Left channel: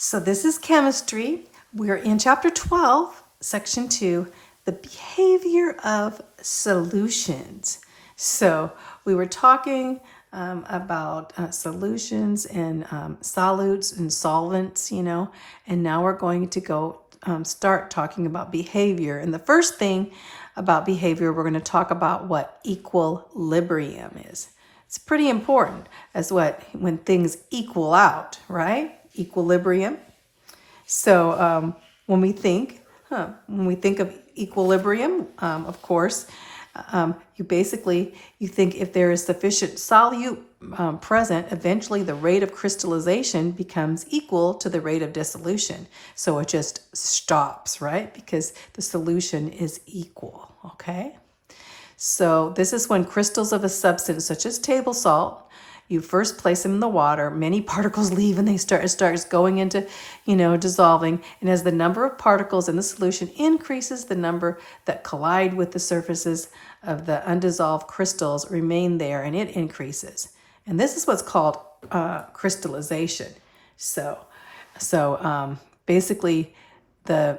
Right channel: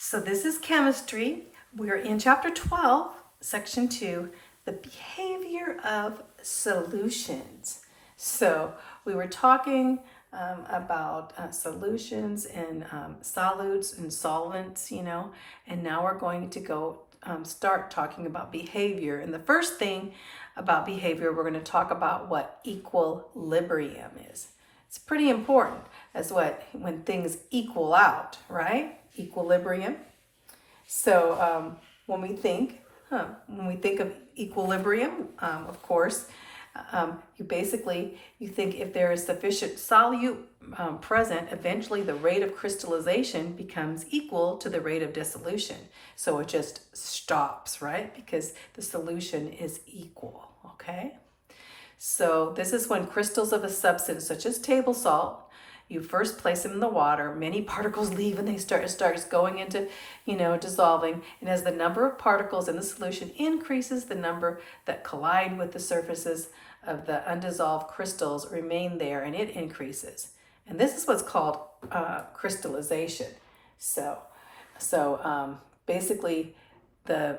So this is chemistry. We're in chapter 12, section 2, the behavior of solutions. So we were talking about solutions and solutes and solvents, and now we're going to go start talking about behavior. And the first thing about behavior, we're going to talk about what equilibrium is. It's pretty important as when things equal out, right? Equilibrium. So when we think of equilibrium, of course, you think if there is sufficient solute present, eventually the rate of crystallization becomes equal to the rate of dissolution. So it just stops, right? Because the solution is equal, okay? So this is when crystals of a substance such as table salt, you first place them in the water, many particles leave and it starts going into, dissolving. And as the number of particles in the solution increases, the number that collide with the surfaces of the undissolved crystals remain there and it increases. And this is what's called crystallization. So basically the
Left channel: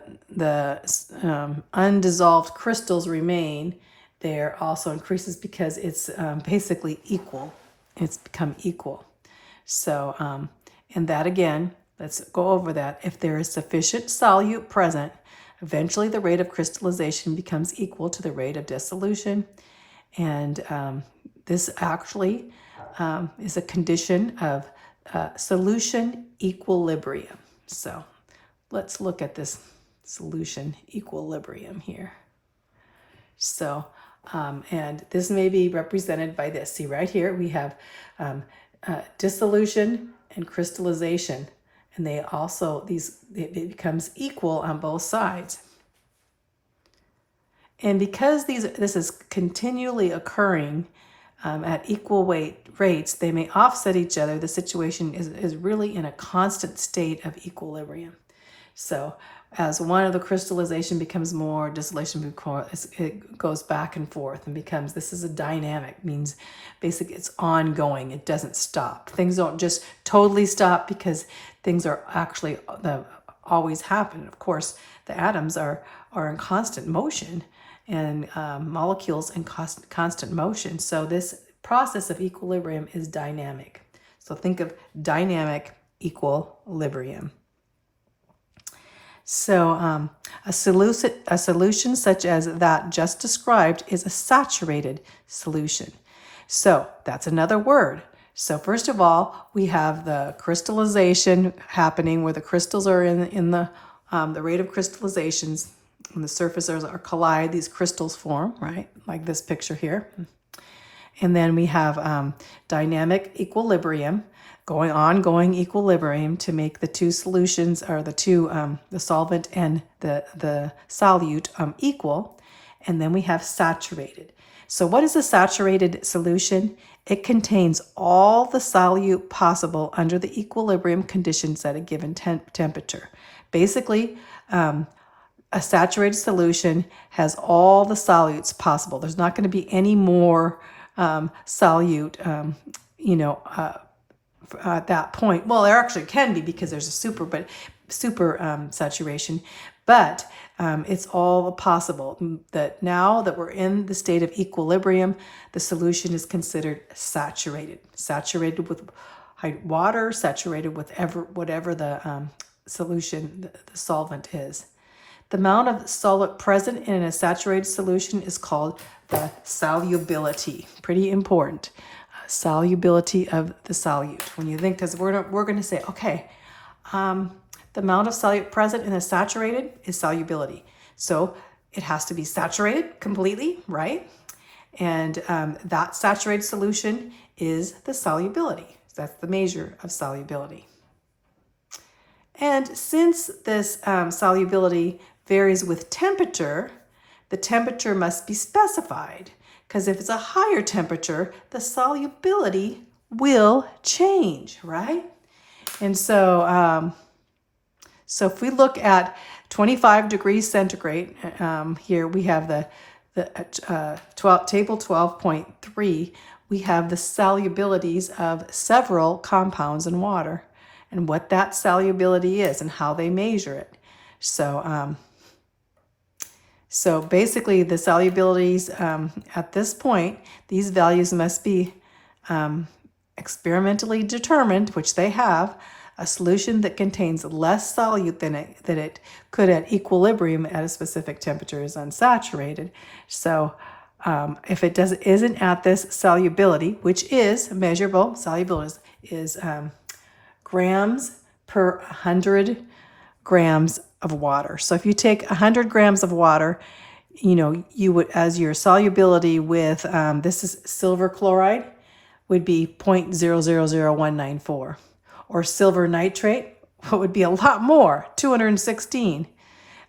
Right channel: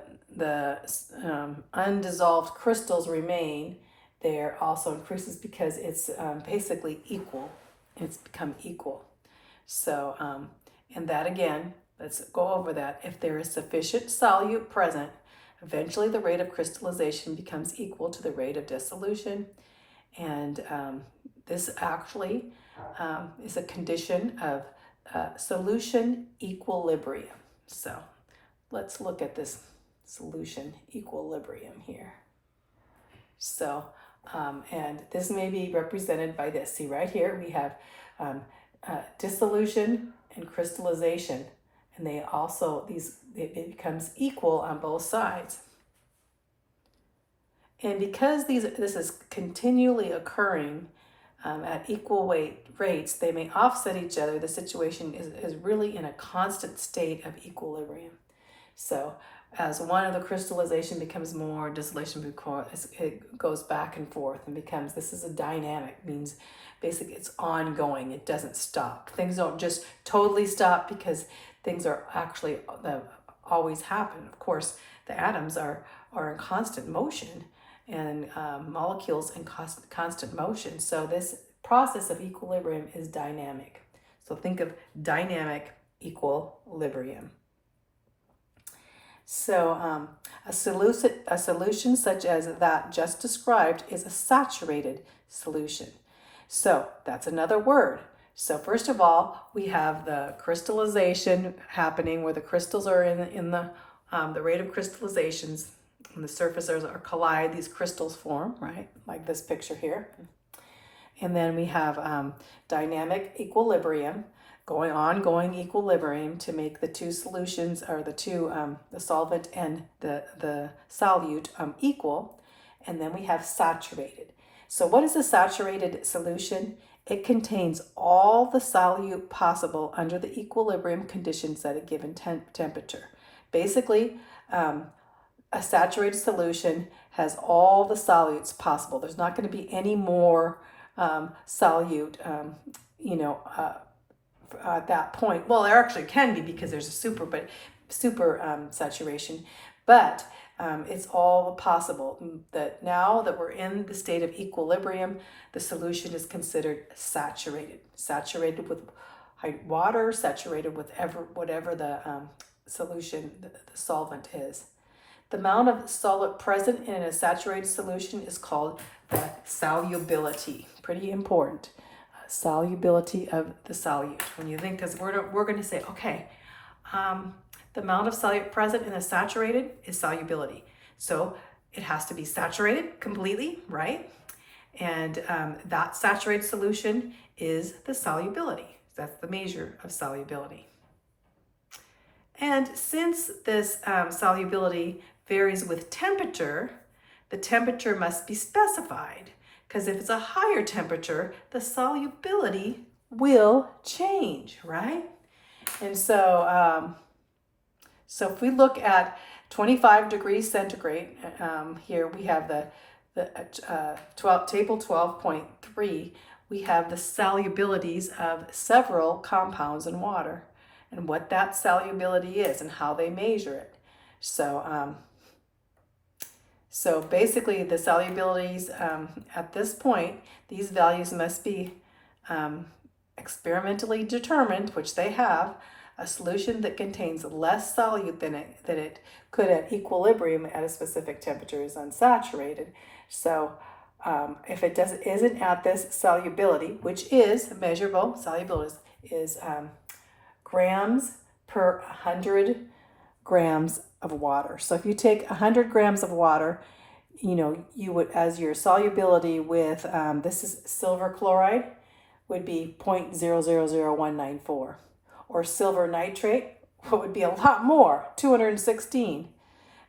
undissolved crystals remain there, also increases because it's basically equal. It's become equal. So, and that again, let's go over that. If there is sufficient solute present, eventually the rate of crystallization becomes equal to the rate of dissolution. And this actually is a condition of solution equilibrium. So let's look at this solution equilibrium here. So, and this may be represented by this. See right here, we have dissolution and crystallization. And they also, it becomes equal on both sides. And because this is continually occurring at equal rates, they may offset each other. The situation is really in a constant state of equilibrium. So as one of the crystallization becomes more, dissolution it goes back and forth and becomes, this is a dynamic, means basically it's ongoing, it doesn't stop. Things don't just totally stop because things are actually always happen. Of course, the atoms are in constant motion and molecules in constant motion. So this process of equilibrium is dynamic. So think of dynamic equilibrium. So a solution such as that just described is a saturated solution. So that's another word. So first of all, we have the crystallization happening where the crystals are in the rate of crystallizations. When the surfaces are collide, these crystals form, right? Like this picture here. And then we have dynamic equilibrium, ongoing equilibrium to make the two solutions, or the solvent and the solute equal. And then we have saturated. So what is a saturated solution? It contains all the solute possible under the equilibrium conditions at a given temperature. Basically, a saturated solution has all the solutes possible. There's not going to be any more solute, at that point. Well, there actually can be because there's a super saturation, but it's all possible. That now that we're in the state of equilibrium, the solution is considered saturated with water, saturated with whatever the solution, the solvent is. The amount of solute present in a saturated solution is called the solubility. Pretty important. Solubility of the solute. When you think, because we're going to say, okay, the amount of solute present in a saturated is solubility. So it has to be saturated completely, right? And that saturated solution is the solubility. So that's the measure of solubility. And since this solubility varies with temperature, the temperature must be specified. Because if it's a higher temperature, the solubility will change, right? And so, if we look at 25 degrees centigrade, here we have table 12.3, we have the solubilities of several compounds in water. and what that solubility is and how they measure it. So, so basically the solubilities at this point, these values must be experimentally determined, which they have. A solution that contains less solute than it could at equilibrium at a specific temperature is unsaturated. So if it isn't at this solubility, which is measurable, solubility is grams per 100 grams of water. So if you take 100 grams of water, you would, as your solubility with, this is silver chloride, would be 0.000194. Or silver nitrate, what would be a lot more, 216.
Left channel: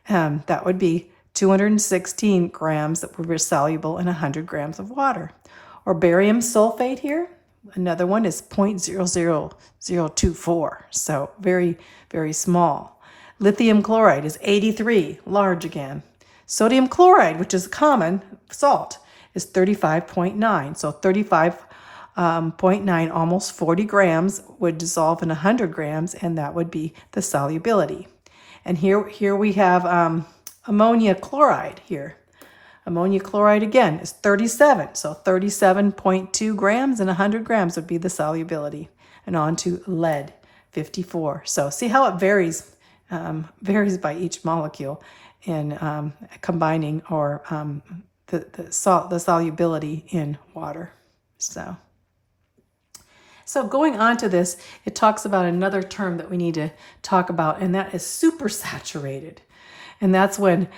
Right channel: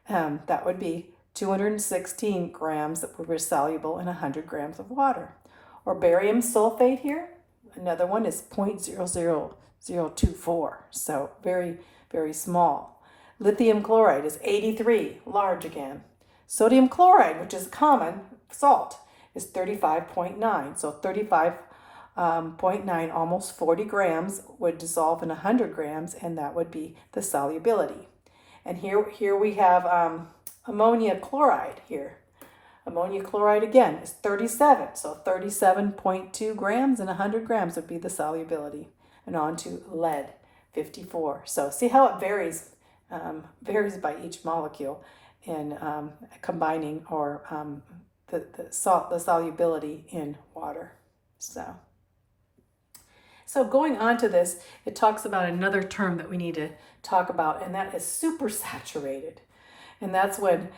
That would be 216 grams that were soluble in 100 grams of water. Or barium sulfate here, another one is 0.00024. So very, very small. Lithium chloride is 83, large again. Sodium chloride, which is common salt, is 35.9. So 35.9, almost 40 grams would dissolve in 100 grams, and that would be the solubility. And here we have ammonia chloride here. Ammonia chloride again is 37, so 37.2 grams and 100 grams would be the solubility. And on to lead, 54. So see how it varies by each molecule in combining or the solubility in water. So going on to this, it talks about another term that we need to talk about, and that is supersaturated. And that's when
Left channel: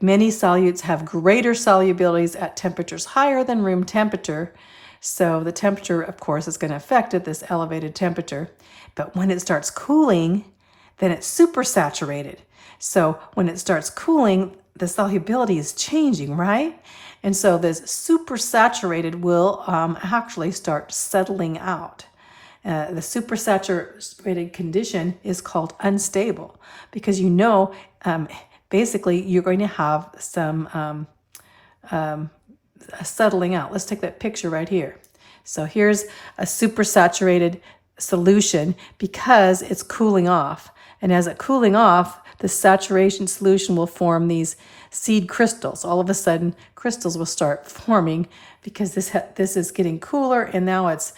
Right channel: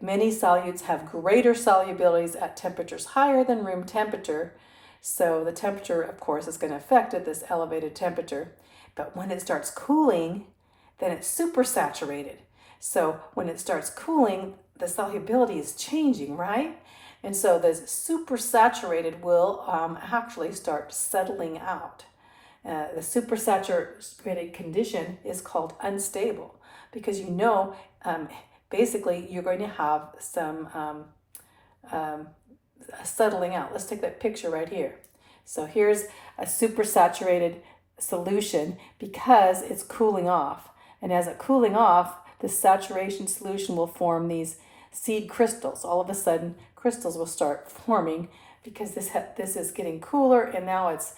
many solutes have greater solubilities at temperatures higher than room temperature. So the temperature, of course, is going to affect at this elevated temperature. But when it starts cooling, then it's supersaturated. So when it starts cooling, the solubility is changing, right? And so this supersaturated will actually start settling out. The supersaturated condition is called unstable because basically you're going to have some settling out. Let's take that picture right here. So here's a supersaturated solution because it's cooling off. And as it's cooling off, the saturation solution will form these seed crystals. All of a sudden, crystals will start forming because this is getting cooler, and now it's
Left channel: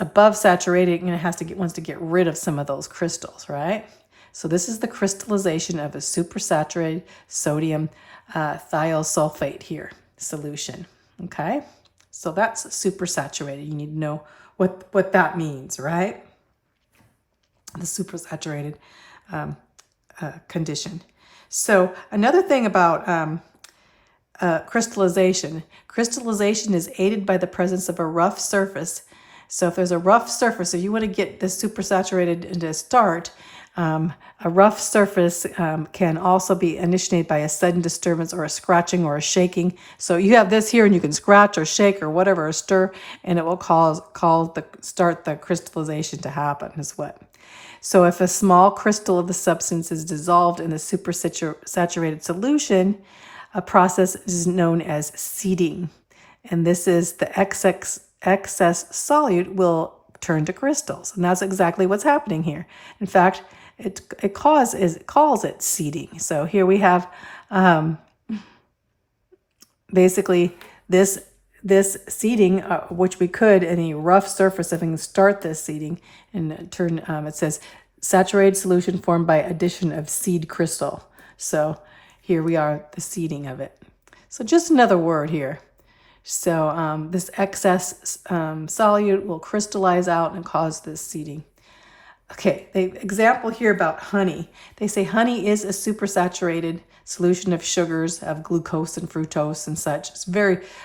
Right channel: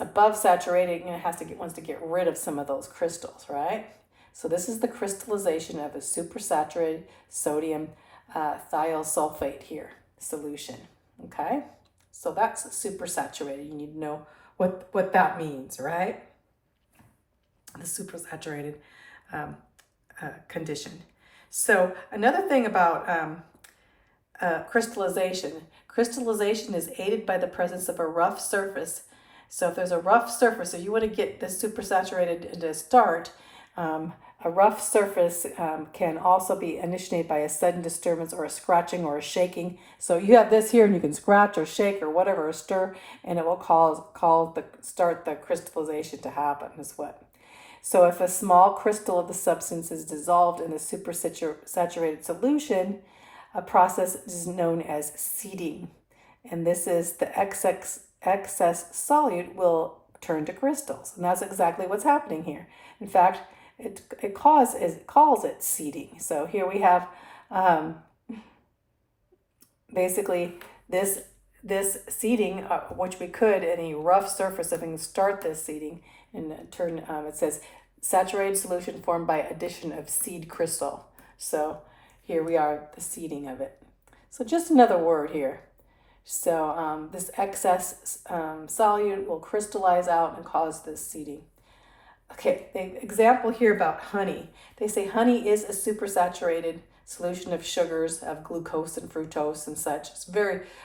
above saturated, and it wants to get rid of some of those crystals, right? So this is the crystallization of a supersaturated sodium thiosulfate here solution. Okay, so that's supersaturated. You need to know what that means, right? The supersaturated condition. So another thing about crystallization is aided by the presence of a rough surface. So if there's a rough surface, so you want to get the supersaturated to start, a rough surface can also be initiated by a sudden disturbance or a scratching or a shaking. So you have this here and you can scratch or shake or whatever, or stir, and it will start the crystallization to happen is what. So if a small crystal of the substance is dissolved in the supersaturated solution, a process is known as seeding. And this is the excess solute will turn to crystals. And that's exactly what's happening here. In fact, it calls it seeding. So here we have basically this seeding, which we could, in a rough surface, if we can start this seeding and turn, it says saturated solution formed by addition of seed crystal. So here we are, the seeding of it. So just another word here. So this excess solute will crystallize out and cause this seeding. Okay, the example here about honey. They say honey is a supersaturated solution of sugars, of glucose and fructose and such.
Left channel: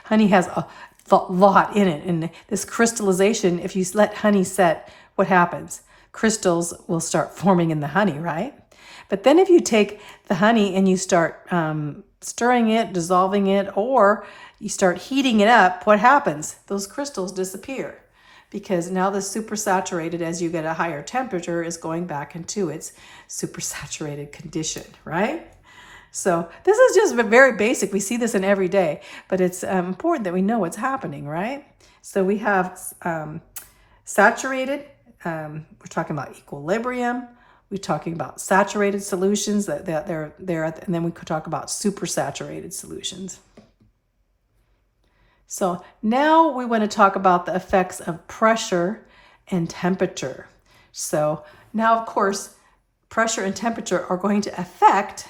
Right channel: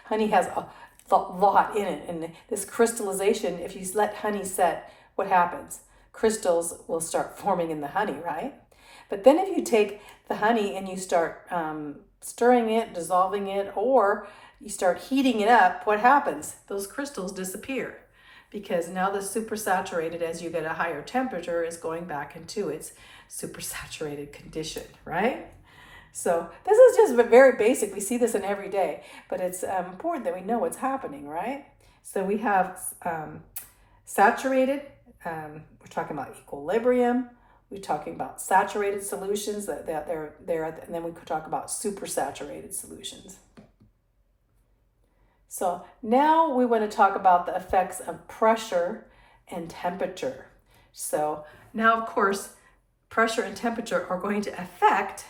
Honey has a lot in it. And this crystallization, if you let honey set, what happens? Crystals will start forming in the honey, right? But then if you take the honey and you start stirring it, dissolving it, or you start heating it up, what happens? Those crystals disappear because now the supersaturated, as you get a higher temperature, is going back into its supersaturated condition, right? So this is just very basic. We see this in every day, but it's important that we know what's happening, right? So we have saturated we're talking about equilibrium. We're talking about saturated solutions that they're there, and then we could talk about supersaturated solutions. So now we want to talk about the effects of pressure and temperature. So now, of course, pressure and temperature are going to affect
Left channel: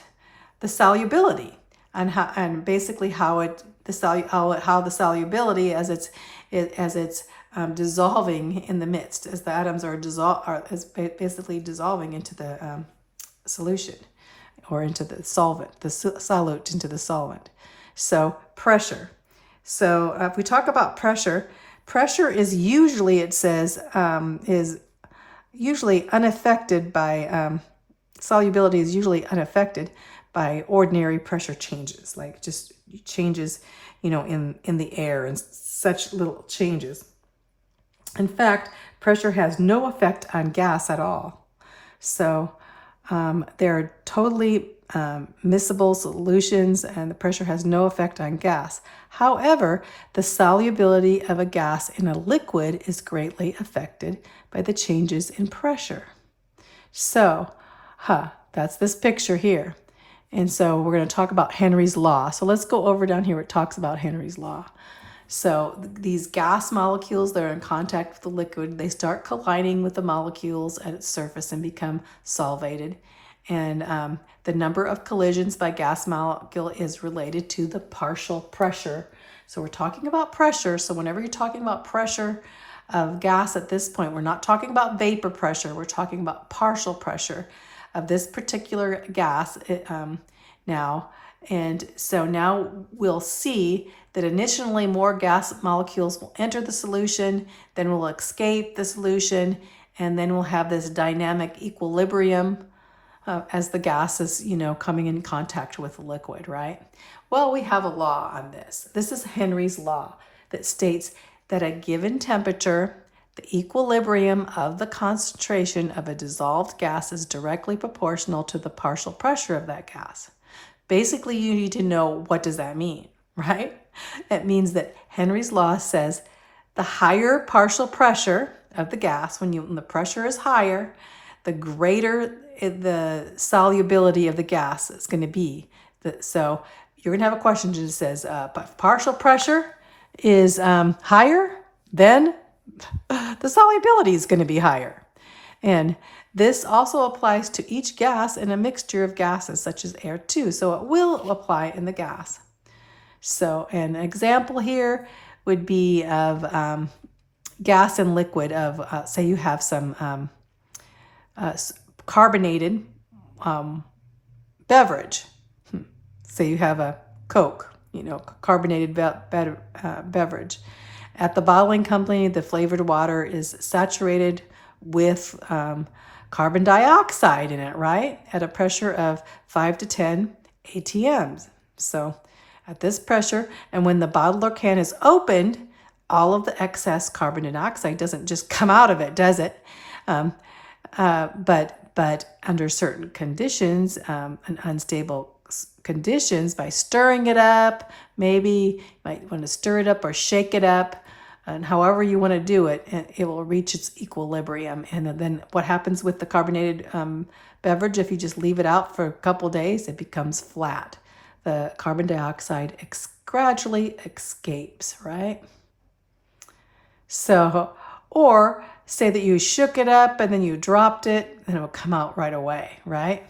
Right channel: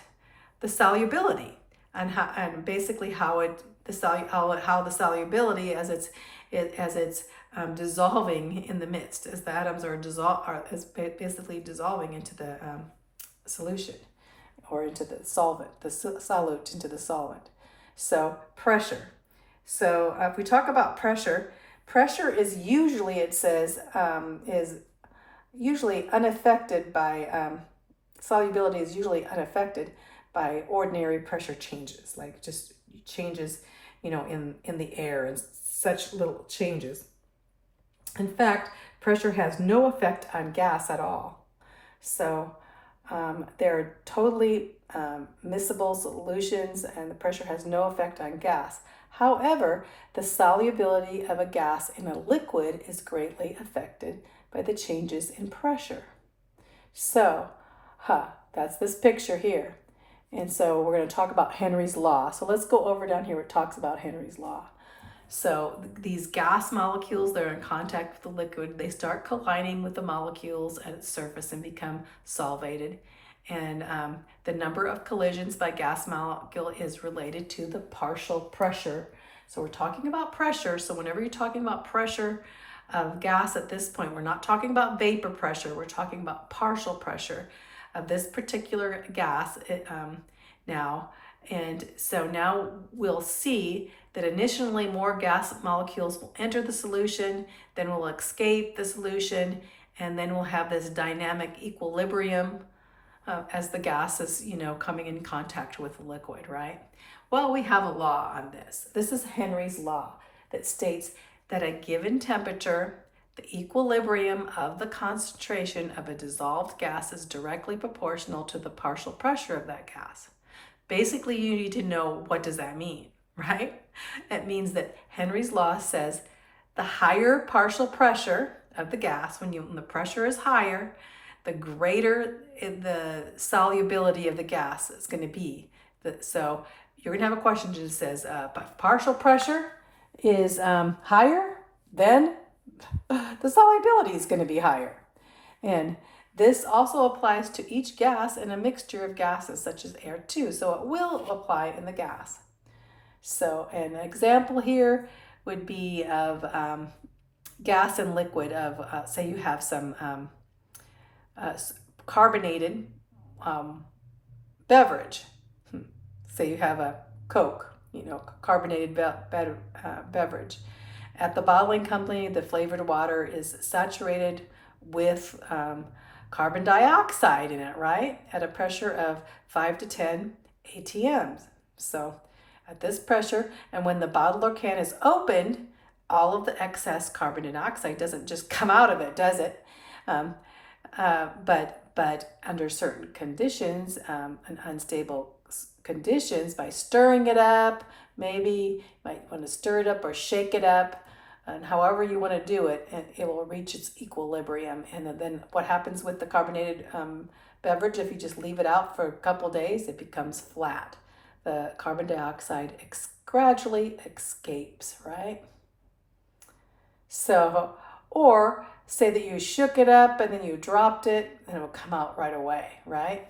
the solubility and basically how the solubility as it's dissolving in the midst, as the atoms are basically dissolving into the solution or into the solvent, the solute into the solvent. So pressure. So if we talk about pressure, pressure is usually, it says, is usually unaffected by, solubility is usually unaffected by ordinary pressure changes, like just changes, in the air and such little changes. In fact, pressure has no effect on gas at all. So they're totally miscible solutions, and the pressure has no effect on gas. However, the solubility of a gas in a liquid is greatly affected by the changes in pressure. So, that's this picture here. And so we're going to talk about Henry's law. So let's go over down here where it talks about Henry's law. So these gas molecules that are in contact with the liquid, they start colliding with the molecules at its surface and become solvated. And the number of collisions by gas molecule is related to the partial pressure. So we're talking about pressure. So whenever you're talking about pressure of gas at this point, we're not talking about vapor pressure. We're talking about partial pressure of this particular gas now. And so now we'll see that initially more gas molecules will enter the solution, then will escape the solution, and then we'll have this dynamic equilibrium as the gas is, coming in contact with the liquid, right? Well, we have a law on this. This is Henry's law that states that at given temperature, the equilibrium of the concentration of a dissolved gas is directly proportional to the partial pressure of that gas. Basically, you need to know, what does that mean, right? It means that Henry's law says the higher partial pressure of the gas, when the pressure is higher, the greater the solubility of the gas is going to be. So you're going to have a question that says, partial pressure is higher, then the solubility is going to be higher. And this also applies to each gas in a mixture of gases such as air too. So it will apply in the gas. So an example here would be of gas and liquid of, say you have some carbonated beverage. Say you have a Coke, carbonated beverage. At the bottling company, the flavored water is saturated with carbon dioxide in it, right? At a pressure of 5 to 10 atms. So at this pressure, and when the bottle or can is opened, all of the excess carbon dioxide doesn't just come out of it, does it? But under certain conditions, and unstable conditions, by stirring it up, maybe you might want to stir it up or shake it up, and however you want to do it, it will reach its equilibrium. And then what happens with the carbonated beverage, if you just leave it out for a couple days, it becomes flat. The carbon dioxide gradually escapes, right? So, or say that you shook it up and then you dropped it, and it'll come out right away, right?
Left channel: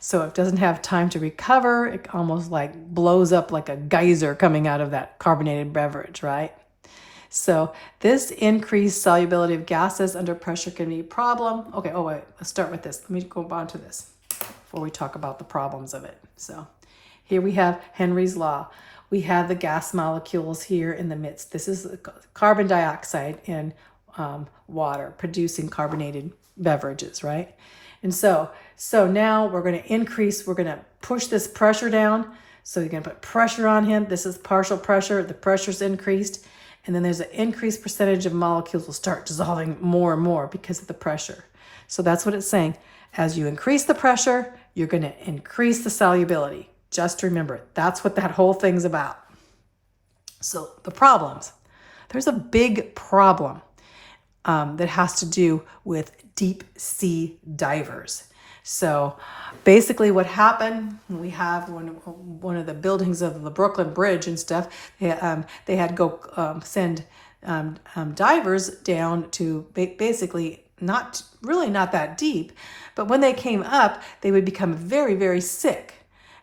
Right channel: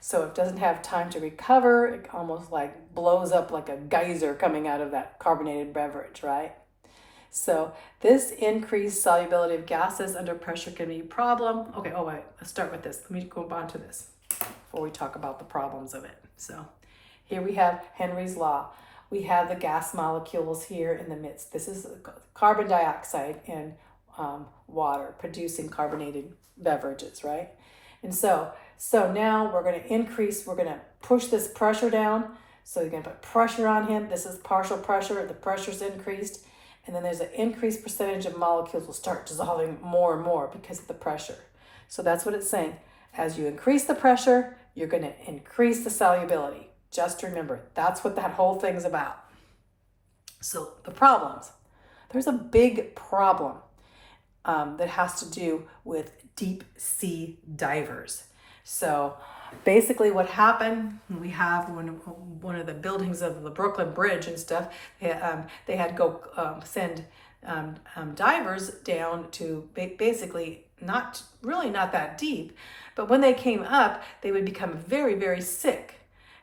So it doesn't have time to recover. It almost like blows up like a geyser coming out of that carbonated beverage, right? So this increased solubility of gases under pressure can be a problem. Okay, wait, let's start with this. Let me go on to this before we talk about the problems of it. So here we have Henry's law. We have the gas molecules here in the midst. This is carbon dioxide in water producing carbonated beverages, right? And so now we're going to push this pressure down. So you're going to put pressure on him. This is partial pressure. The pressure's increased. And then there's an increased percentage of molecules will start dissolving more and more because of the pressure. So that's what it's saying. As you increase the pressure, you're going to increase the solubility. Just remember, that's what that whole thing's about. So the problems. There's a big problem. that has to do with deep sea divers. So basically what happened, we have one of the buildings of the Brooklyn Bridge and stuff, they had to go send divers down to basically not that deep, but when they came up, they would become very, very sick.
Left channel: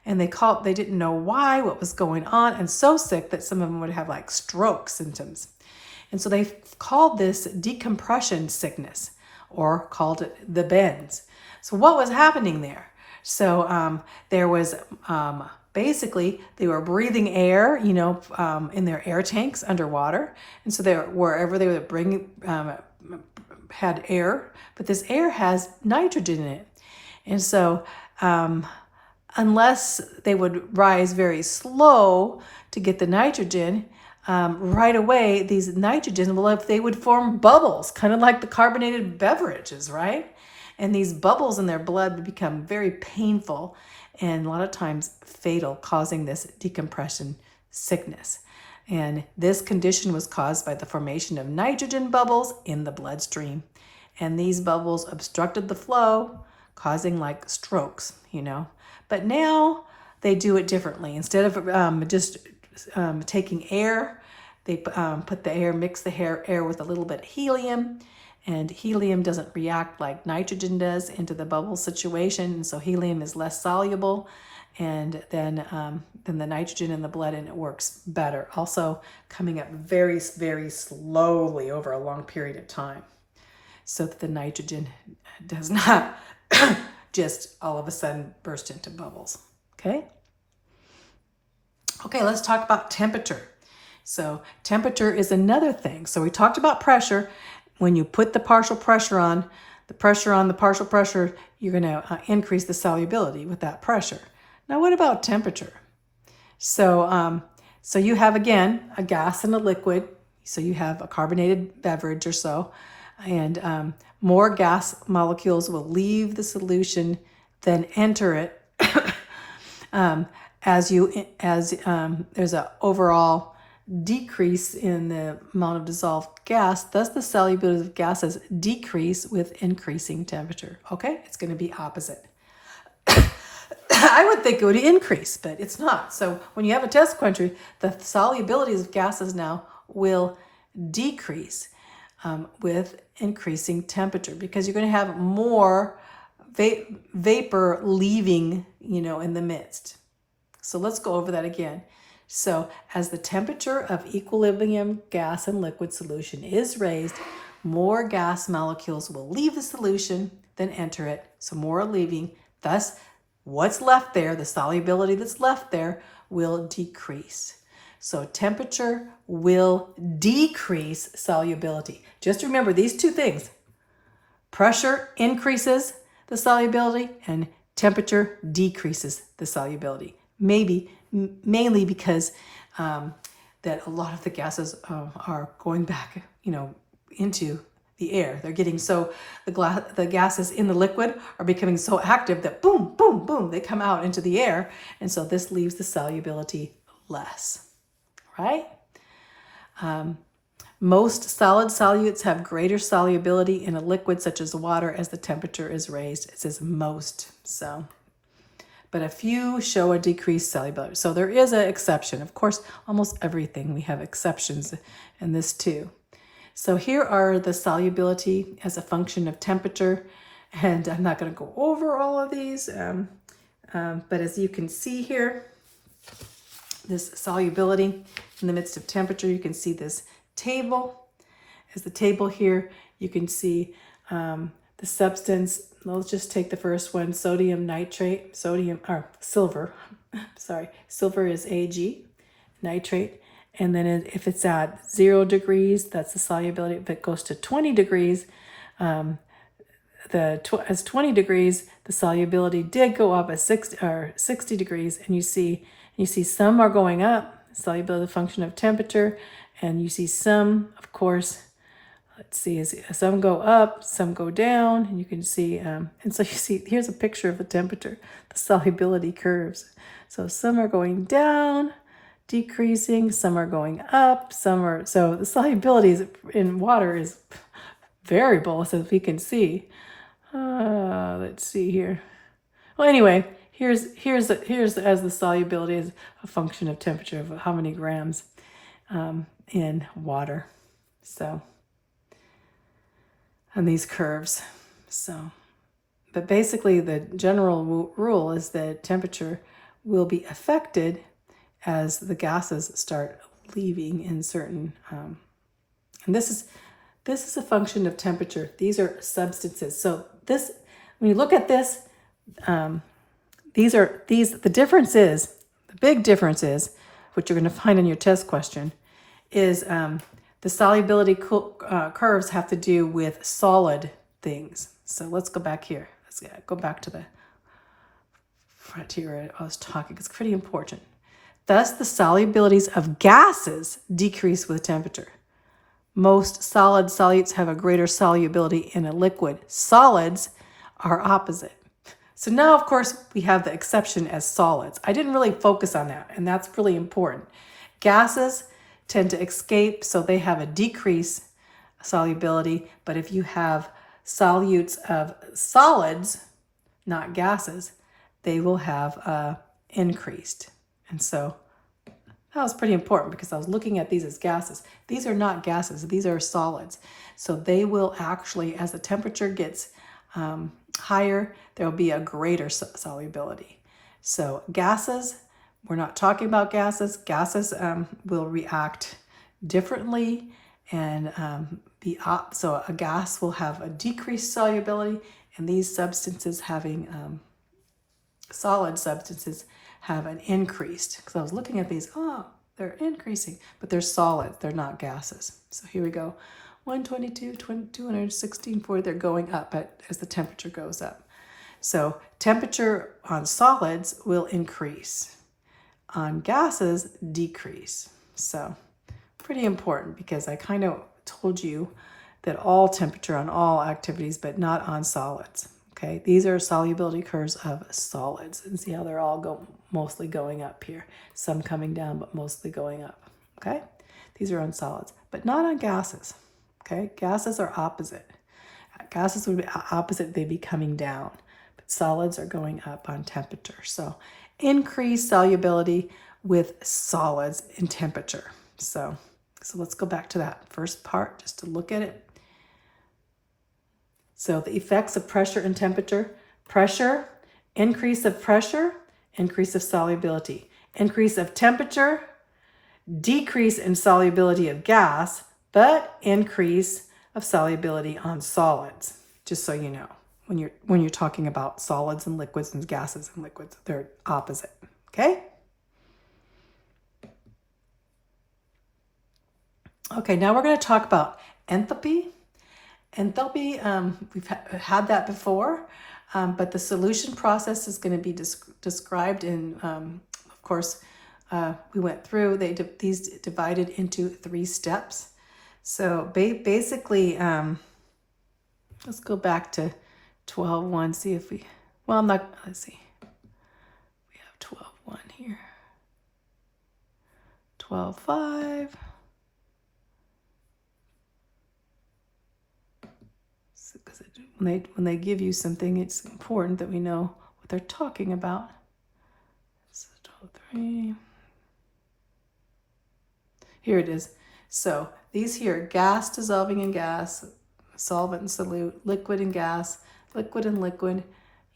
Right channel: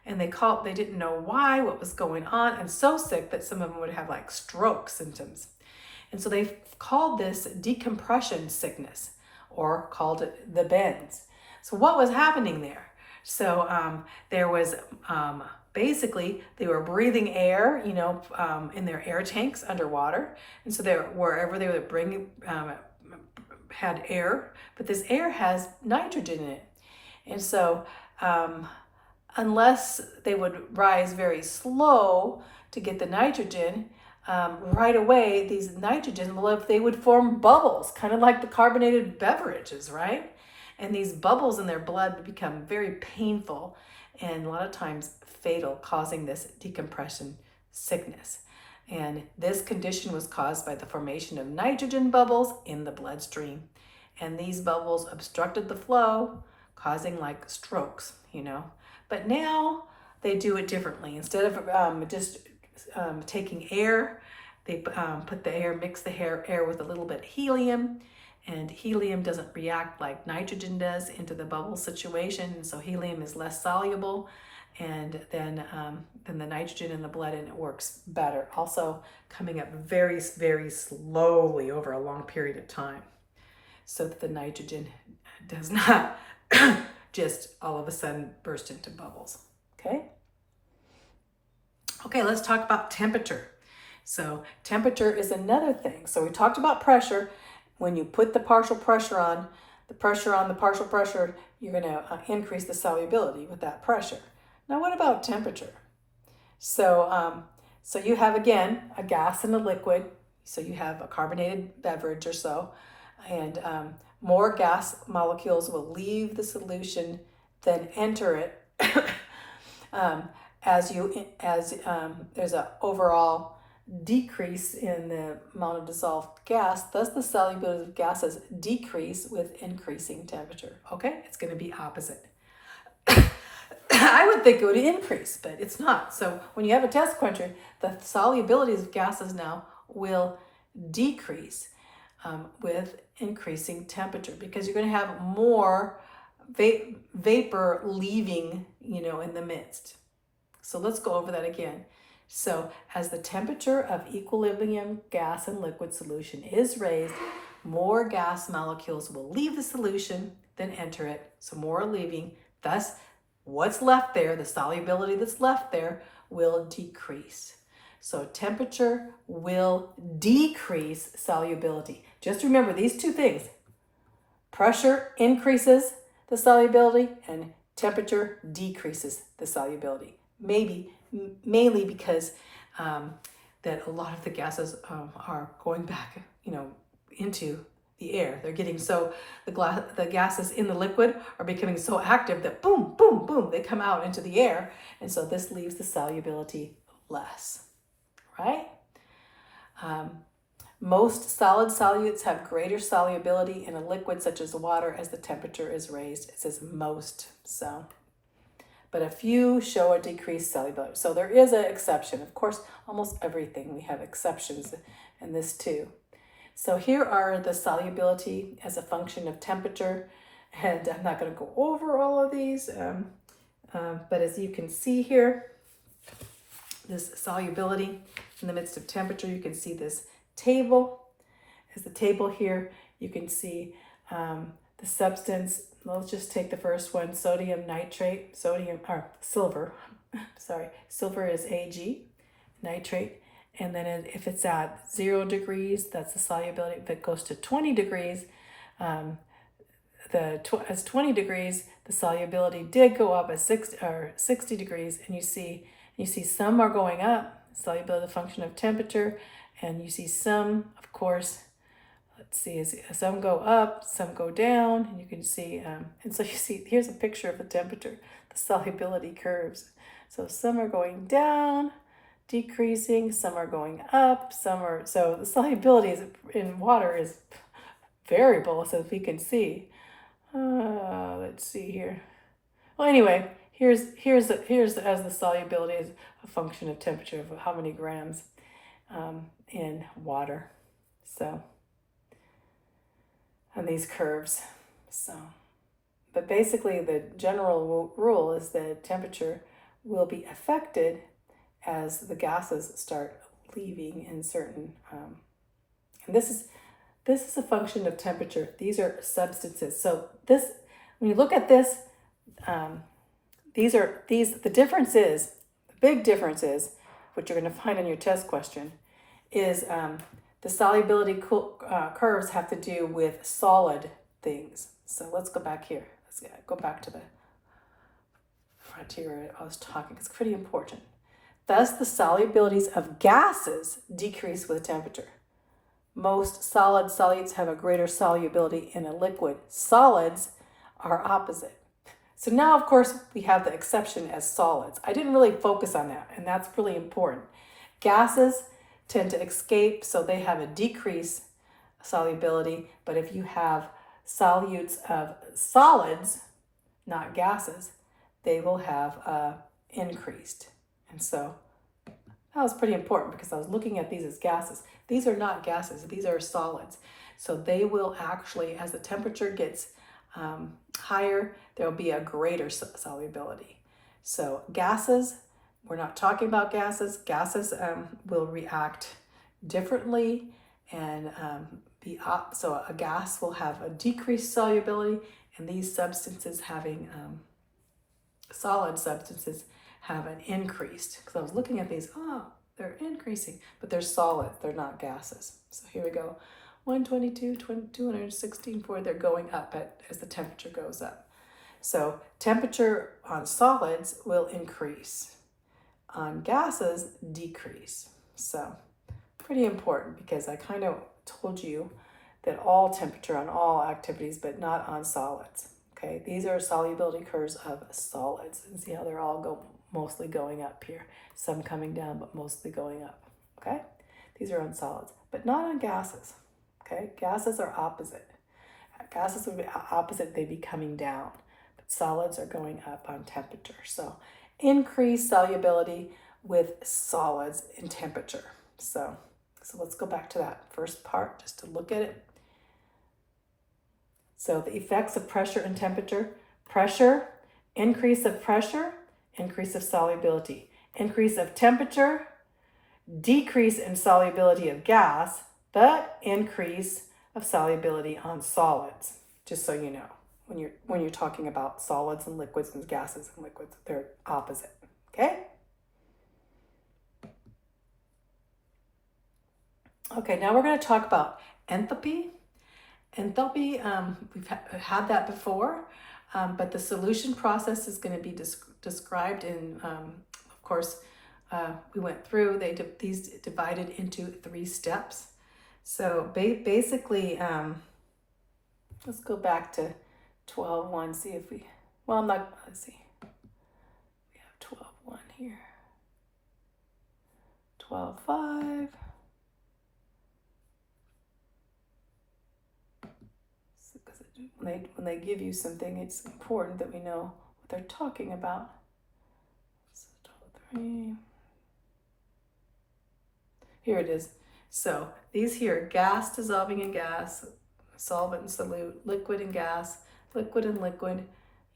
And they didn't know why, what was going on, and so sick that some of them would have like stroke symptoms. And so they called this decompression sickness, or called it the bends. So what was happening there? So there was basically they were breathing air, in their air tanks underwater, and so wherever they were bringing had air, but this air has nitrogen in it, and so unless they would rise very slow to get the nitrogen, right away these nitrogen, well, if they would form bubbles, kind of like the carbonated beverages, right? And these bubbles in their blood would become very painful and a lot of times fatal, causing this decompression sickness. And this condition was caused by the formation of nitrogen bubbles in the bloodstream. And these bubbles obstructed the flow, causing like strokes, But now they do it differently. Instead of just taking air, they mix the air with a little bit of helium, and helium doesn't react like nitrogen does into the bubble situation, and so helium is less soluble, and then the nitrogen in the blood, and it works better. Also coming up very, very slowly over a long period of time, so that the nitrogen does not just all of a sudden burst into bubbles. Okay, let's talk about temperature. So temperature is another thing. So we talked about pressure. When you put the partial pressure on the partial pressure, you're going to increase the solubility with that pressure. Now, what about temperature? So you have, again, a gas and a liquid. So you have a carbonated beverage or so, and more gas molecules will leave the solution than enter it. As there's an overall decrease in the amount of dissolved gas, thus the solubility of gases decrease with increasing temperature. Okay, it's going to be opposite. I would think it would increase, but it's not. So when you have a test quencher, the solubilities of gases now will decrease with increasing temperature, because you're going to have more vapor leaving, in the midst. So let's go over that again. So as the temperature of equilibrium gas and liquid solution is raised, more gas molecules will leave the solution than enter it. So more are leaving. Thus, what's left there, the solubility that's left there, will decrease. So temperature will decrease solubility. Just remember these two things. Pressure increases the solubility and temperature decreases the solubility. Mainly because that a lot of the gases are going back, into the air. They're getting so, the gases in the liquid are becoming so active that boom, boom, boom, they come out into the air. And so this leaves the solubility less, right? Most solid solutes have greater solubility in a liquid such as water as the temperature is raised. It says most, but a few show a decreased solubility. So there is an exception. Of course, almost everything we have exceptions in this too. So here are the solubility as a function of temperature. And I'm not going to go over all of these, but as you can see here, this solubility in the midst of temperature, you can see this table. As the table here, you can see the substance. Let's just take the first one, silver. Silver is Ag, nitrate. And then if it's at 0 degrees, that's the solubility. If it goes to 20 degrees, as 20 degrees, the solubility did go up at 60 degrees. And you see some are going up, solubility function of temperature, and you see some, of course, let's see, as some go up, some go down, and you can see, and so you see, here's a picture of the temperature, the solubility curves. So some are going down, decreasing, some are going up, so the solubility in water is variable, so if we can see. Let's see here. Well, anyway, here's as the solubility is a function of temperature of how many grams in water. So on these curves. So, but basically the general rule is that temperature will be affected as the gases start leaving in certain, and this is a function of temperature. These are substances. So this, when you look at this, the difference is, the big difference is, which you're going to find in your test question, is the solubility curves have to do with solid things. So let's go back here. Let's go back to the frontier I was talking. It's pretty important. Thus, the solubilities of gases decrease with temperature. Most solid solutes have a greater solubility in a liquid. Solids are opposite. So now, of course, we have the exception as solids. I didn't really focus on that, and that's really important. Gases tend to escape, so they have a decreased solubility. But if you have solutes of solids, not gases, they will have increased. And so that was pretty important because I was looking at these as gases. These are not gases, these are solids. So they will actually, as the temperature gets higher, there will be a greater solubility. So gases, we're not talking about gases. Gases will react differently and so a gas will have a decreased solubility, and these substances having solid substances have an increased. Because I was looking at these, they're increasing, but they're solids, they're not gases. So here we go, 122, 216, 40, they're going up as the temperature goes up. So temperature on solids will increase. On gases, decrease. So pretty important because I kind of told you that all temperature on all activities, but not on solids. Okay, these are solubility curves of solids, and see how they're all mostly going up here. Some coming down, but mostly going up. Okay, these are on solids, but not on gases. Okay, gases are opposite. Gases would be opposite; they'd be coming down, but solids are going up on temperature. So increased solubility with solids in temperature. So let's go back to that first part just to look at it. So the effects of pressure and temperature. Pressure, increase of pressure, increase of solubility. Increase of temperature, decrease in solubility of gas, but increase of solubility on solids. Just so you know, when you're talking about solids and liquids and gases and liquids, they're opposite. Okay? Okay, now we're going to talk about enthalpy. Enthalpy, we've had that before, but the solution process is going to be described in, of course, we went through, these divided into 3 steps. So basically, let's go back to 12.1, see if we, let's see. We have 12.1 here. 12.5. When they give you something, it's important that we know what they're talking about. So 12.3. Here it is. So these here, gas dissolving in gas, solvent and solute, liquid and gas, liquid and liquid,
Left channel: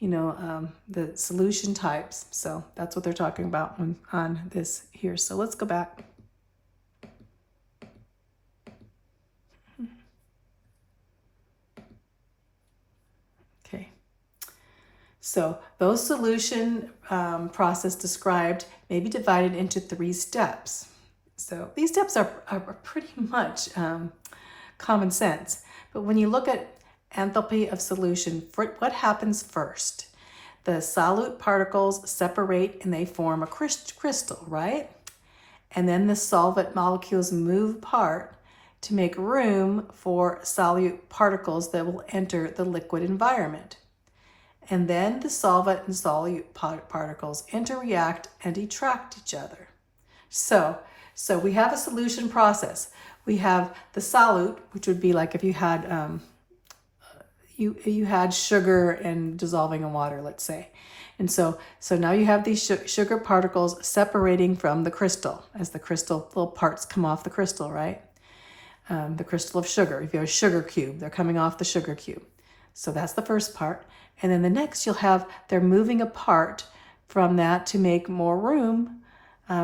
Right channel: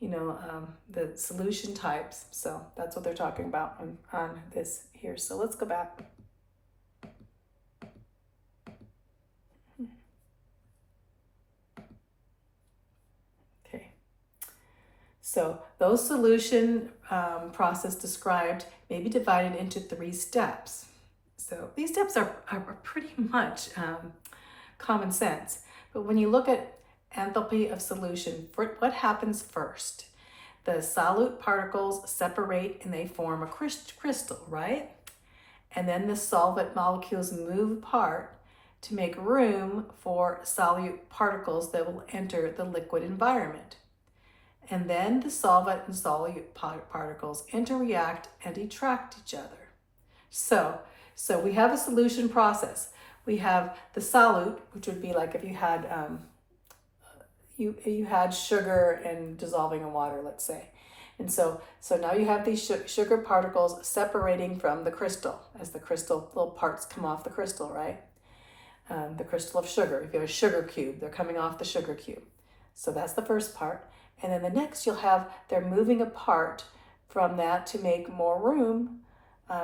the solution types. So that's what they're talking about on this here. So let's go back. So those solution process described may be divided into 3 steps. So these steps are pretty much common sense. But when you look at enthalpy of solution, what happens first? The solute particles separate and they form a crystal, right? And then the solvent molecules move apart to make room for solute particles that will enter the liquid environment. And then the solvent and solute particles interact and attract each other. So we have a solution process. We have the solute, which would be like if you had you had sugar and dissolving in water, let's say. And so now you have these sugar particles separating from the crystal as the crystal little parts come off the crystal, right? The crystal of sugar. If you have a sugar cube, they're coming off the sugar cube. So that's the first part. And then the next you'll have, they're moving apart from that to make more room.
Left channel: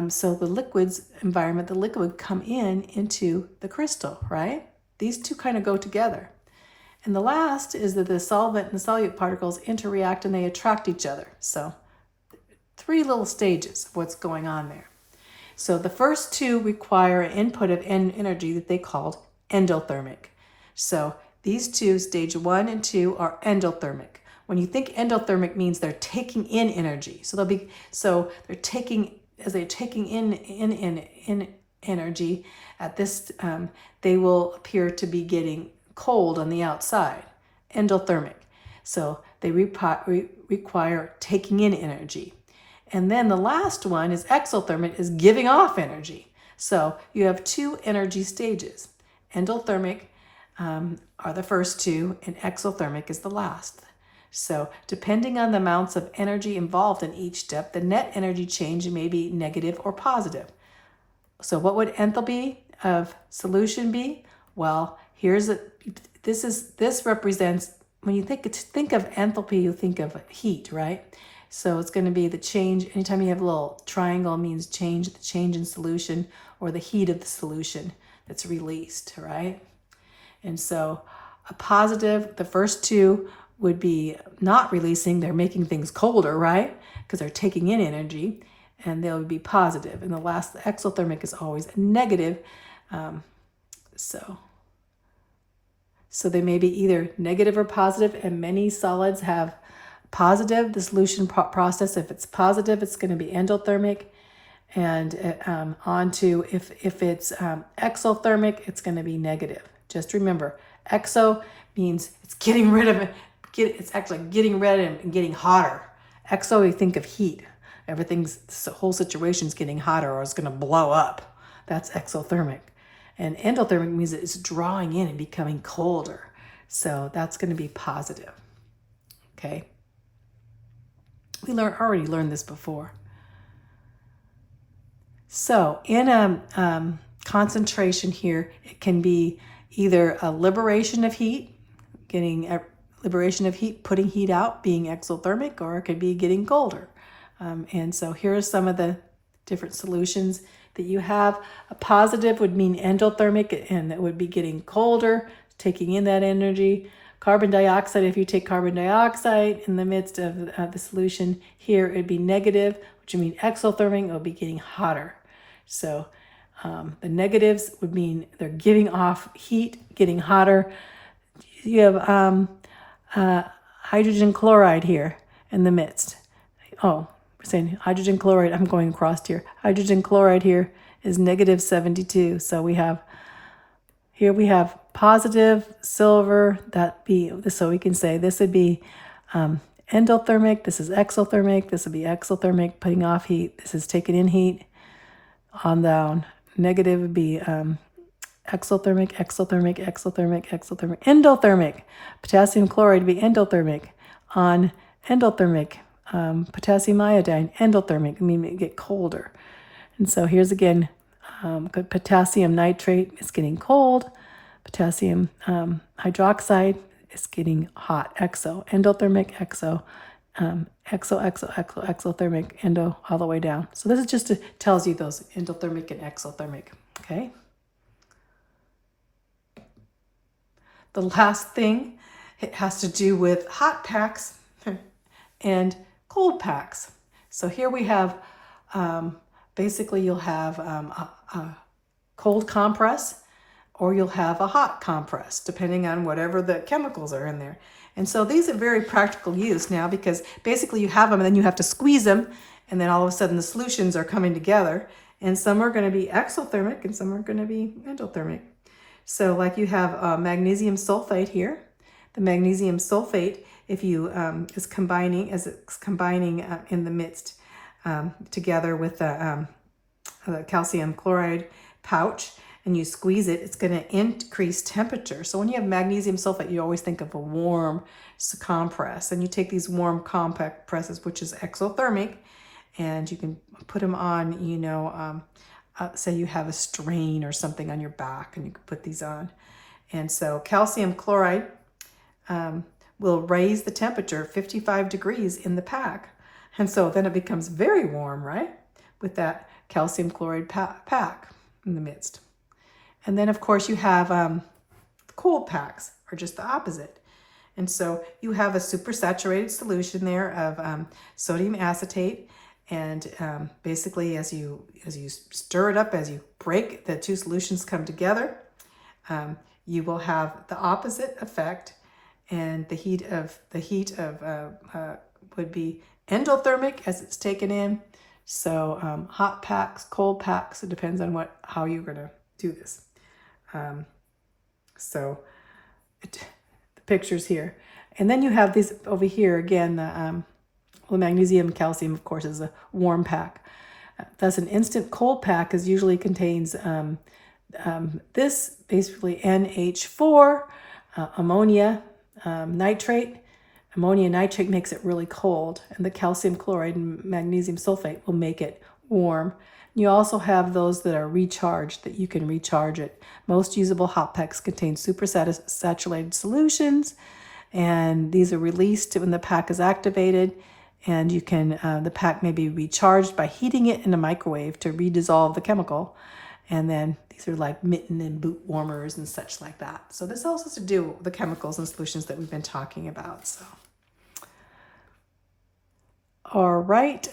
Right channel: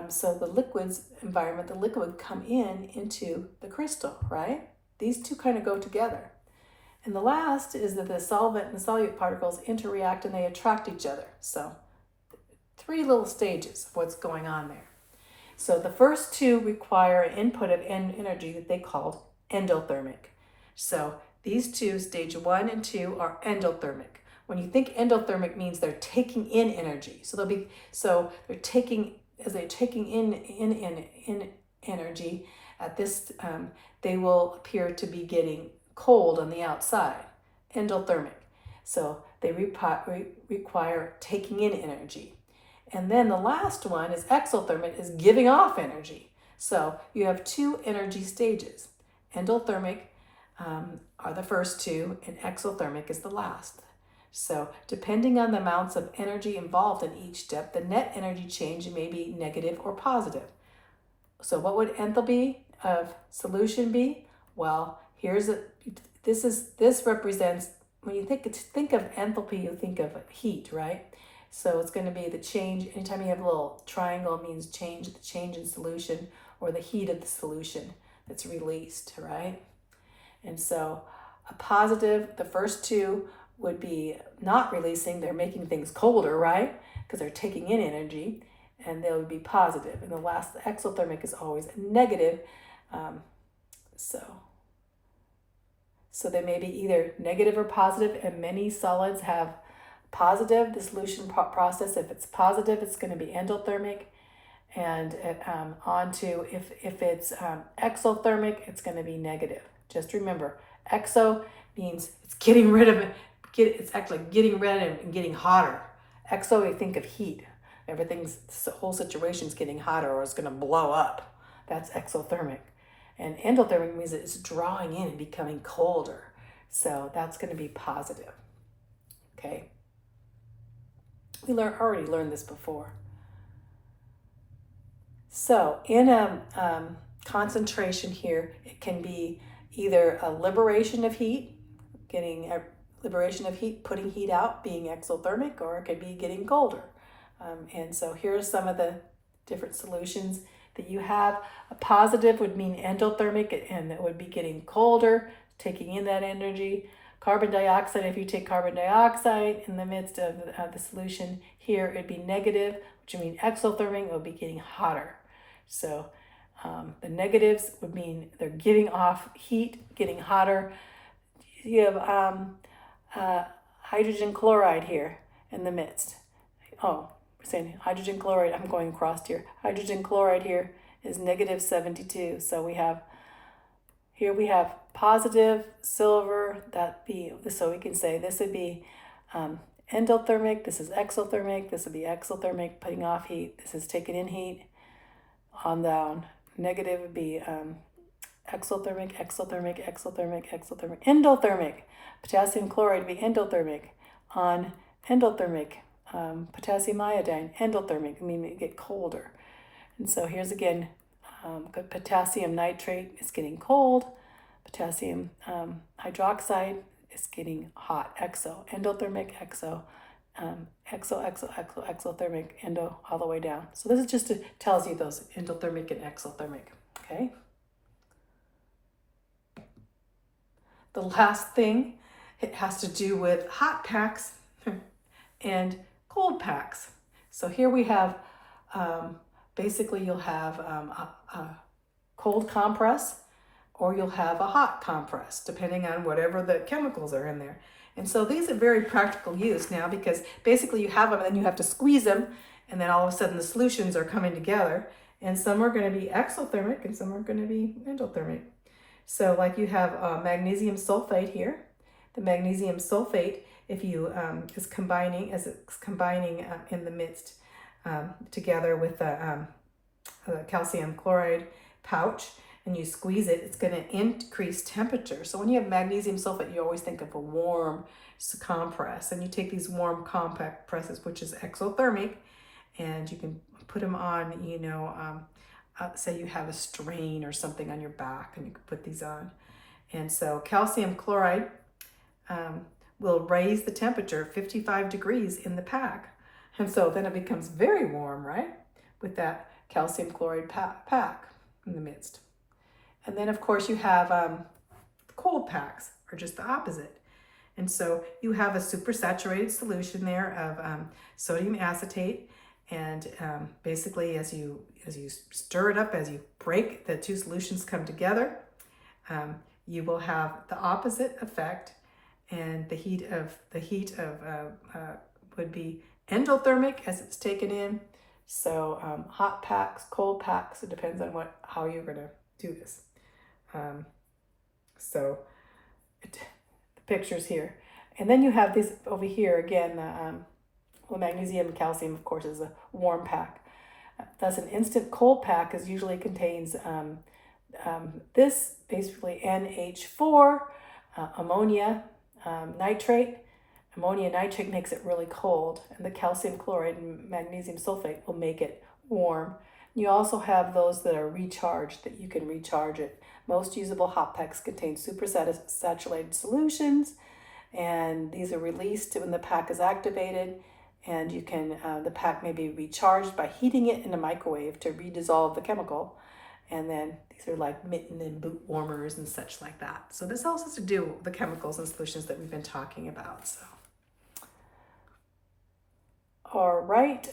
So the liquid's environment, the liquid would come into the crystal, right? These two kind of go together. And the last is that the solvent and solute particles interact and they attract each other. So 3 little stages of what's going on there. So the first 2 require an input of energy that they called endothermic. So these 2, stage 1 and 2, are endothermic. When you think endothermic means they're taking in energy. So they're taking in energy at this, they will appear to be getting cold on the outside, endothermic. So they require taking in energy. And then the last one is exothermic, is giving off energy. So you have 2 energy stages. Endothermic are the first 2, and exothermic is the last. So depending on the amounts of energy involved in each step, the net energy change may be negative or positive. So what would enthalpy of solution be? Well, this represents, when you think of enthalpy, you think of heat, right? So it's going to be the change. Anytime you have a little triangle, it means the change in solution, or the heat of the solution that's released, right? And so a positive, the first 2 would be not releasing, they're making things colder, right? Because they're taking in energy, and they would be positive. And the exothermic is always negative. So they may be either negative or positive, and many solids have positive, the solution process. If it's positive, it's going to be endothermic. And if it's exothermic, it's going to be negative. Just remember, exo means it's getting rid of it. It's actually getting rid of it and getting hotter. Exo, you think of heat. The whole situation's getting hotter, or it's going to blow up. That's exothermic. And endothermic means that it's drawing in and becoming colder. So that's going to be positive. Okay. We already learned this before. So in a concentration here, it can be either a liberation of heat, putting heat out, being exothermic, or it could be getting colder. And so here are some of the different solutions that you have. A positive would mean endothermic, and it would be getting colder, taking in that energy. Carbon dioxide, if you take carbon dioxide in the midst of the solution here, it'd be negative, which would mean exothermic, it would be getting hotter. So the negatives would mean they're giving off heat, getting hotter. You have hydrogen chloride here in the midst. Oh, we're saying hydrogen chloride, I'm going across here. Hydrogen chloride here is negative 72. So we have positive silver, so we can say this would be endothermic, this is exothermic, this would be exothermic, putting off heat, this is taking in heat, on down. Negative would be exothermic, endothermic. Potassium chloride would be endothermic. On endothermic, potassium iodine, endothermic, it get colder. And so here's again, potassium nitrate is getting cold. Potassium hydroxide is getting hot, endothermic, exothermic, endo, all the way down. So this is just tells you those endothermic and exothermic, okay? The last thing, it has to do with hot packs and cold packs. So here we have, basically you'll have a cold compress, or you'll have a hot compress, depending on whatever the chemicals are in there. And so these are very practical use now, because basically you have them and then you have to squeeze them, and then all of a sudden the solutions are coming together, and some are going to be exothermic and some are going to be endothermic. So like you have magnesium sulfate here. The magnesium sulfate, if you is combining in the midst together with the calcium chloride pouch, and you squeeze it, it's going to increase temperature. So when you have magnesium sulfate, you always think of a warm compress. And you take these warm compact presses, which is exothermic, and you can put them on, say you have a strain or something on your back, and you can put these on. And so calcium chloride will raise the temperature 55 degrees in the pack. And so then it becomes very warm, right? With that calcium chloride pack in the midst. And then, of course, you have cold packs, are just the opposite. And so you have a supersaturated solution there of sodium acetate. And basically, as you stir it up, as you break the two solutions come together, you will have the opposite effect. And the heat of would be endothermic as it's taken in. So hot packs, cold packs, it depends on how you're going to do this. So the pictures here. And then you have these over here again, the magnesium calcium, of course, is a warm pack. Thus an instant cold pack usually contains this, basically NH4, ammonia nitrate. Ammonia nitrate makes it really cold, and the calcium chloride and magnesium sulfate will make it warm. You also have those that are recharged, that you can recharge it. Most usable hot packs contain supersaturated solutions, and these are released when the pack is activated, and you can the pack may be recharged by heating it in a microwave to redissolve the chemical. And then these are like mitten and boot warmers and such like that. So this also has to do with the chemicals and solutions that we've been talking about. So, all right.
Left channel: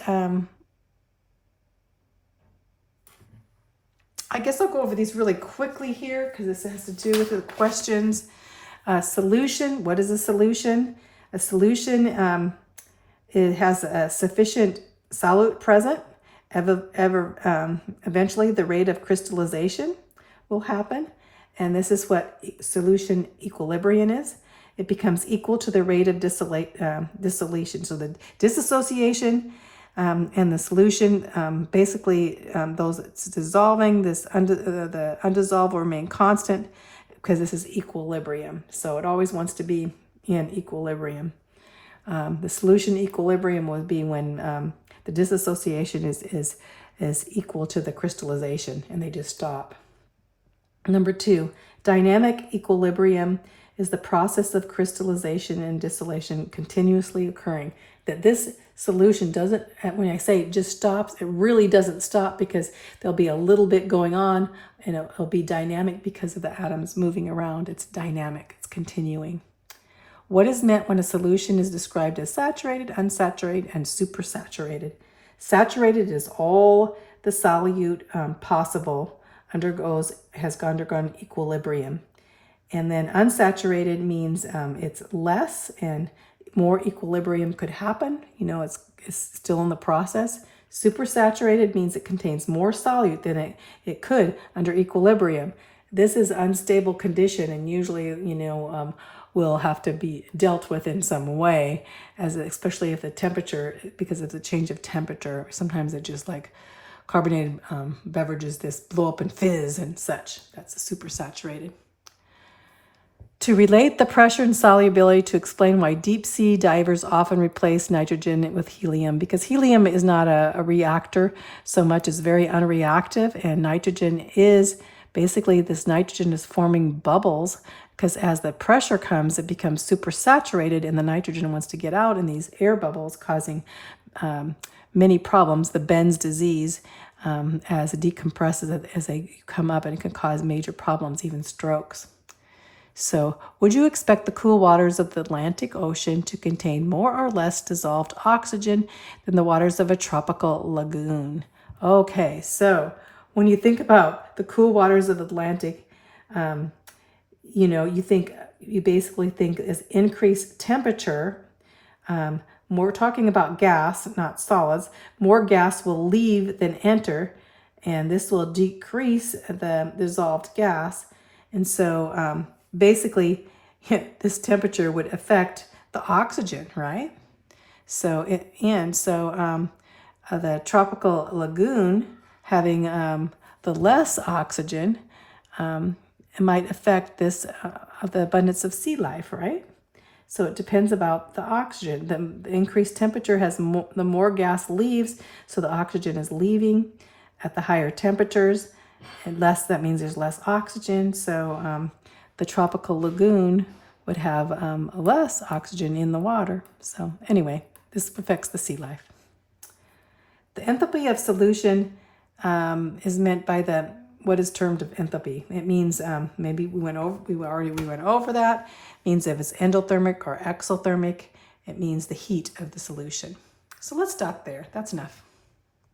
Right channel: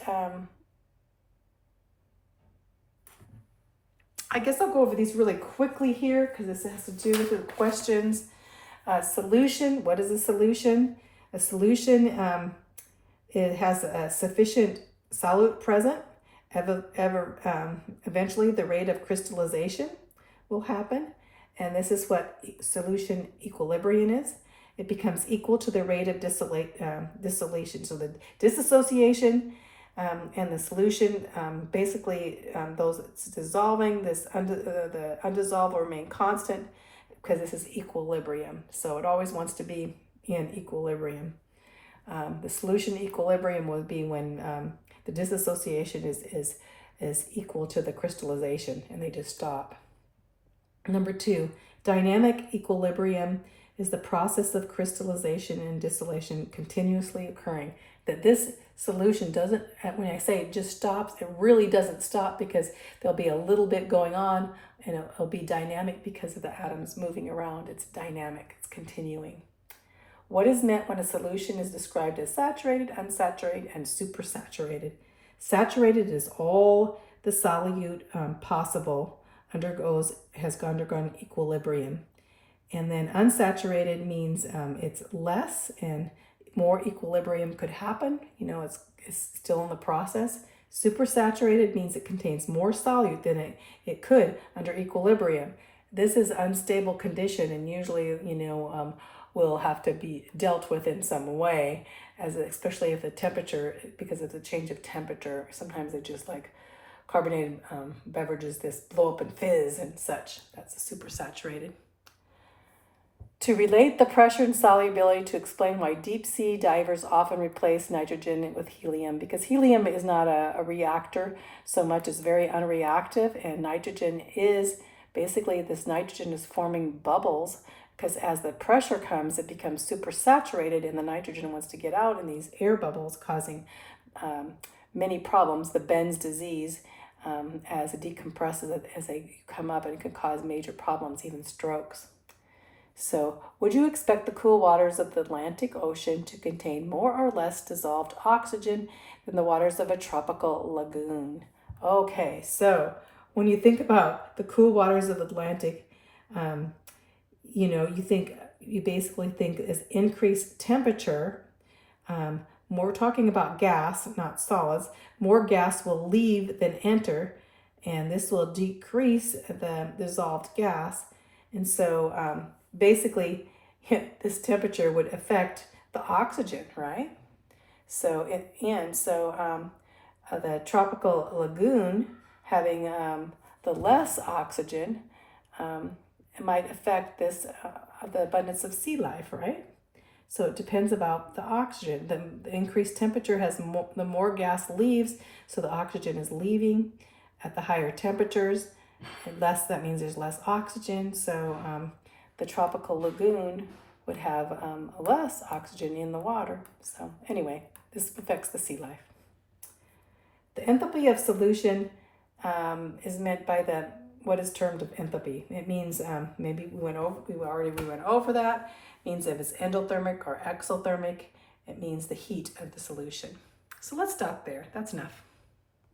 I guess I'll go over these really quickly here because this has to do with the questions. Solution. What is a solution? A solution, it has a sufficient solute present. Eventually the rate of crystallization will happen, and this is what solution equilibrium is. It becomes equal to the rate of dissolution. So the dissociation and the solution, basically those it's dissolving, the undissolved will remain constant because this is equilibrium. So it always wants to be in equilibrium. The solution equilibrium would be when the dissociation is equal to the crystallization, and they just stop. Number 2, dynamic equilibrium is the process of crystallization and dissolution continuously occurring. That this solution doesn't, when I say it just stops, it really doesn't stop, because there'll be a little bit going on, and it'll be dynamic because of the atoms moving around. It's dynamic, it's continuing. What is meant when a solution is described as saturated, unsaturated, and supersaturated? Saturated is all the solute possible has undergone equilibrium. And then unsaturated means it's less and more equilibrium could happen. It's still in the process. Supersaturated means it contains more solute than it could under equilibrium. This is unstable condition, and usually, will have to be dealt with in some way, especially if the temperature, because of the change of temperature, sometimes it just like carbonated beverages, this blow up and fizz and such. That's supersaturated. To relate the pressure and solubility, to explain why deep sea divers often replace nitrogen with helium, because helium is not a reactor so much, as very unreactive, and nitrogen is basically, this nitrogen is forming bubbles, because as the pressure comes, it becomes supersaturated, and the nitrogen wants to get out in these air bubbles, causing many problems. The Benz disease, as it decompresses, as they come up, and it can cause major problems, even strokes. So, would you expect the cool waters of the Atlantic Ocean to contain more or less dissolved oxygen than the waters of a tropical lagoon? Okay, so when you think about the cool waters of the Atlantic, you basically think as increased temperature, we're talking about gas, not solids, more gas will leave than enter, and this will decrease the dissolved gas. And so basically, this temperature would affect the oxygen, right? So the tropical lagoon having the less oxygen, it might affect the abundance of sea life, right? So it depends about the oxygen. The increased temperature has the more gas leaves, so the oxygen is leaving at the higher temperatures. And less, that means there's less oxygen. So the tropical lagoon would have less oxygen in the water. So anyway, this affects the sea life. The enthalpy of solution is meant by what is termed of enthalpy. It means maybe we went over that. It means if it's endothermic or exothermic. It means the heat of the solution. So let's stop there. That's enough.